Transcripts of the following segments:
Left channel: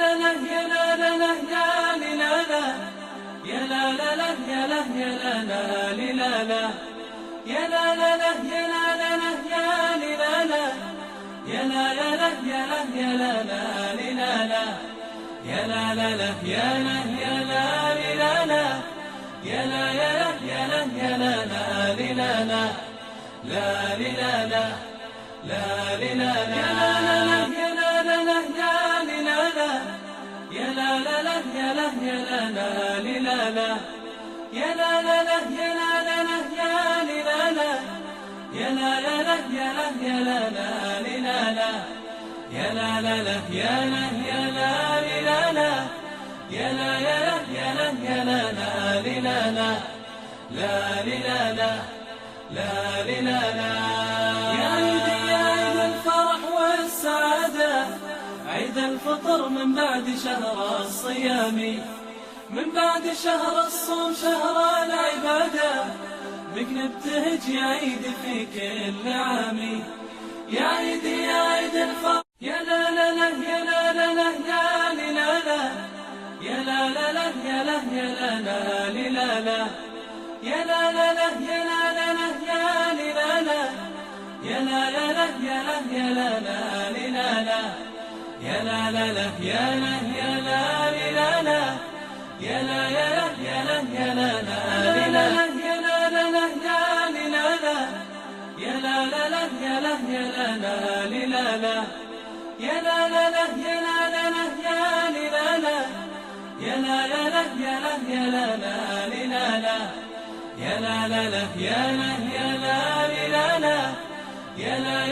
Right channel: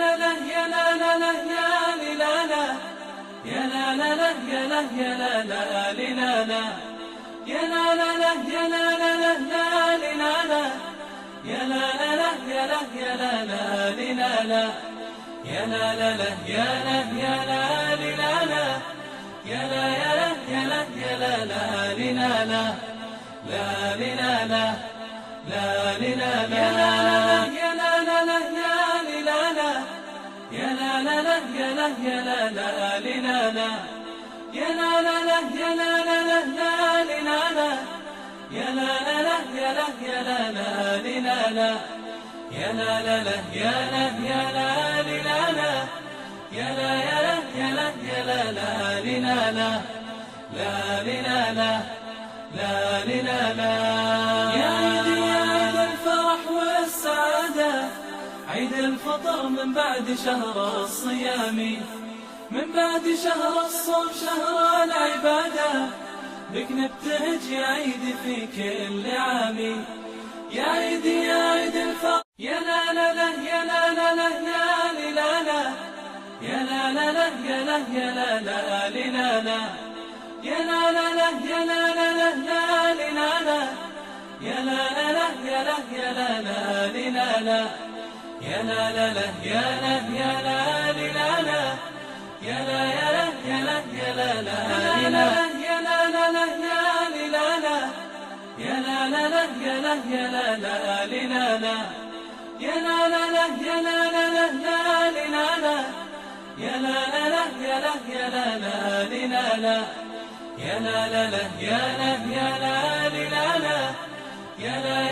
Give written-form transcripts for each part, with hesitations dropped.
لا لا يا لا لا لا لا لا لا يا لا لا لا يا لا يا لا لا لا يا لا لا لا يا لا لا لا لا لا يا لا لا لا يا لا يا لا لا لا يا لا لا لا يا لا يا لا لا يا لا يا لا يا لا يا لا لا لا لا لا لا لا لا لا يا لا لا لا يا لا لا لا لا لا يا لا لا لا يا لا يا لا لا يا لا لا لا يا لا لا لا لا يا لا لا لا يا لا يا لا لا يا لا لا لا يا لا يا لا لا يا لا يا لا يا لا يا لا لا لا لا لا يا عيدي يا عيد الفرح والسعادة، عيد الفطر من بعد شهر الصيام، من بعد شهر الصوم شهر العبادة، بك نبتهج يا عيد في كل عام. يا عيدي يا عيد الفرح يا لا لا لا يا لا لا لا لا لا يا لا لا لا يا لا يا لا لا يا لا لا لا يا لا لا لا لا يا لا لا لا يا لا يا لا لا يا لا لا لا يا لا يا لا لا يا لا يا لا يا لا يا لا لا يا لا لا لا يا لا لا لا يا لا يا لا لا يا لا لا لا يا لا لا لا يا لا لا لا يا لا يا لا لا يا لا لا لا يا لا يا لا لا يا لا يا لا يا لا يا لا لا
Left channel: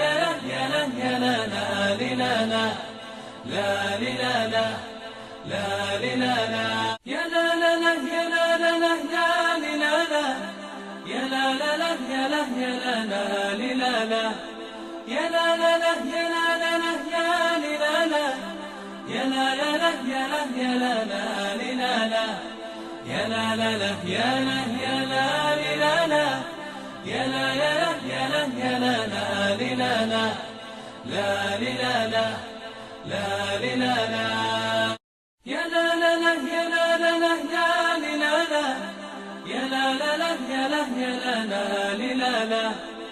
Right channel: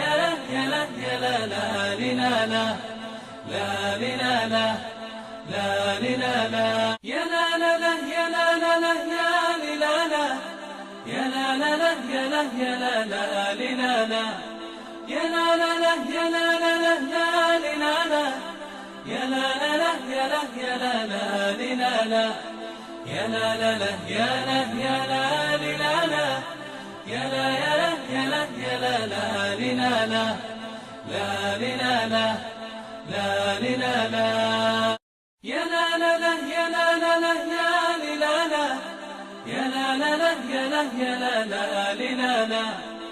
يا لا لا لا يا لا لا لا يا لا لا لا يا لا يا لا يا لا لا لا يا لا لا لا يا لا لا لا يا لا يا لا يا لا لا لا يا لا يا لا يا لا يا لا يا لا يا لا يا لا لا لا يا لا لا لا يا لا لا لا يا لا يا لا يا لا لا لا يا لا لا لا يا لا لا لا يا لا يا لا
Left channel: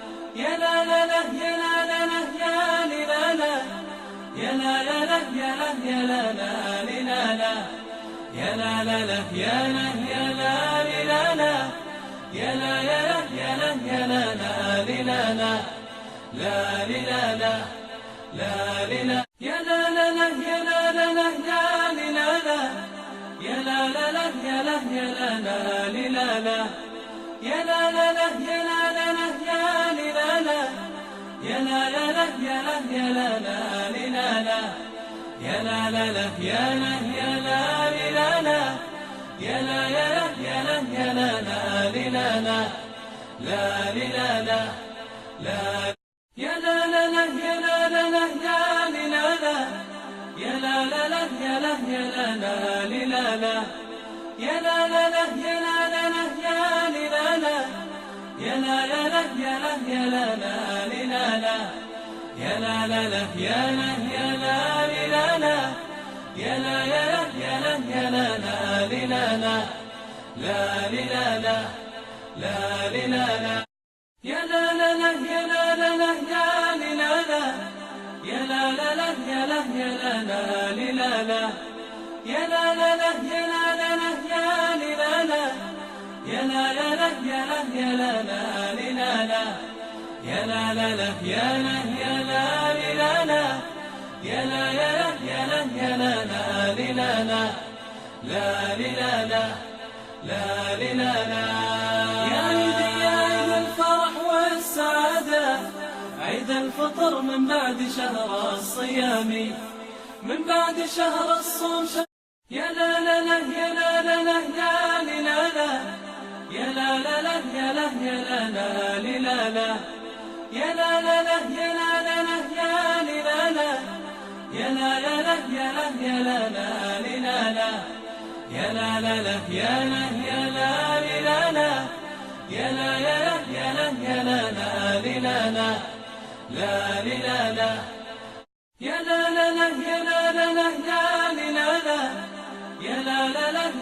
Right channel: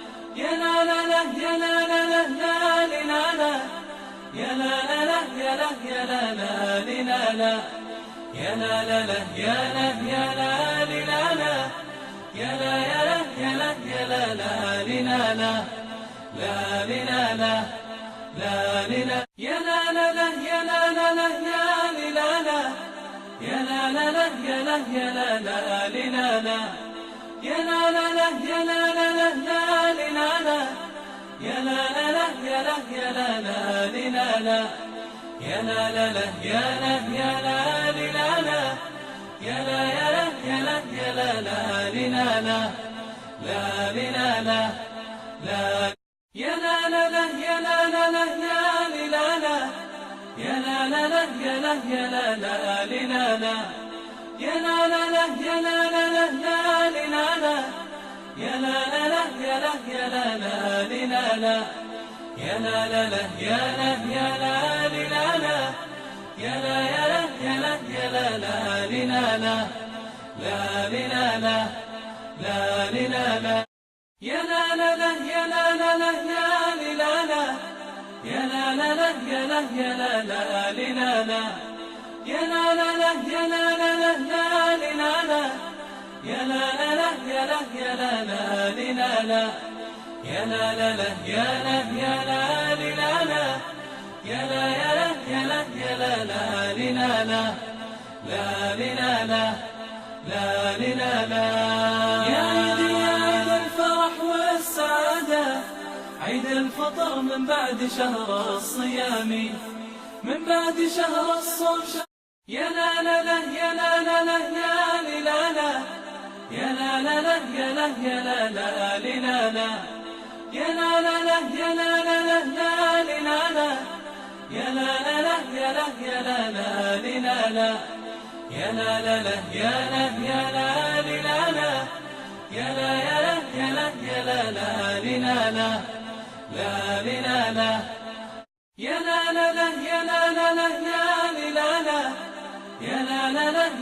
يا لا لا لا يا لا يا لا يا لا يا لا يا لا يا لا يا لا لا لا يا لا لا لا يا لا لا لا يا لا يا لا يا لا لا لا يا لا لا يا لا لا يا لا يا لا يا لا لا لا يا لا يا لا يا لا يا لا يا لا يا لا يا لا لا لا يا لا لا يا لا لا لا يا لا يا لا يا لا لا لا يا لا يا لا يا لا يا لا يا لا يا لا لا لا يا لا يا لا يا لا يا لا يا لا يا لا يا لا لا لا يا لا لا لا يا لا لا لا يا لا يا لا يا لا لا لا يا لا يا لا لا يا لا يا لا يا لا لا لا يا لا يا لا يا لا يا لا يا لا يا لا يا عيدي يا عيد الفرح والسعادة، عيد الفطر من بعد شهر الصيام، من بعد شهر الصوم يا لا لا لا يا لا لا لا يا لا لا لا يا لا يا لا يا لا لا لا يا لا لا يا لا لا يا لا يا لا يا لا لا لا يا لا يا لا يا لا يا لا يا لا يا لا يا لا لا لا يا لا لا لا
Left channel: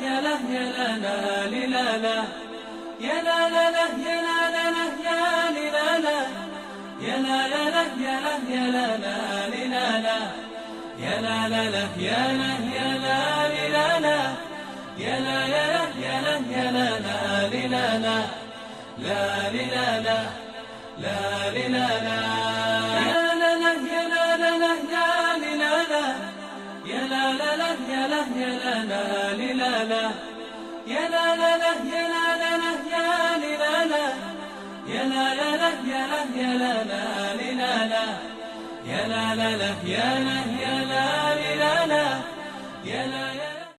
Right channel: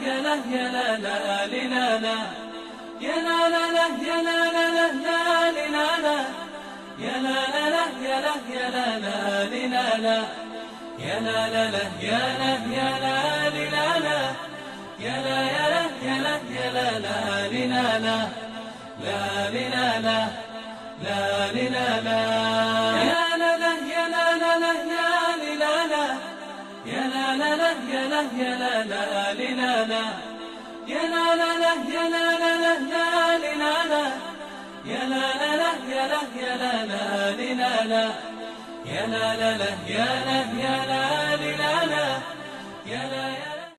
يا لا يا لا لا لا لا يا لا لا لا يا لا لا لا لا لا يا لا لا لا يا لا يا لا لا لا يا لا لا لا يا لا يا لا لا يا لا يا لا يا لا يا لا لا لا لا لا لا لا لا لا يا لا لا يا لا لا لا لا لا يا لا لا لا يا لا يا لا لا لا يا لا لا لا يا لا لا لا لا يا لا لا لا يا لا يا لا لا لا يا لا لا لا يا لا يا لا لا يا لا يا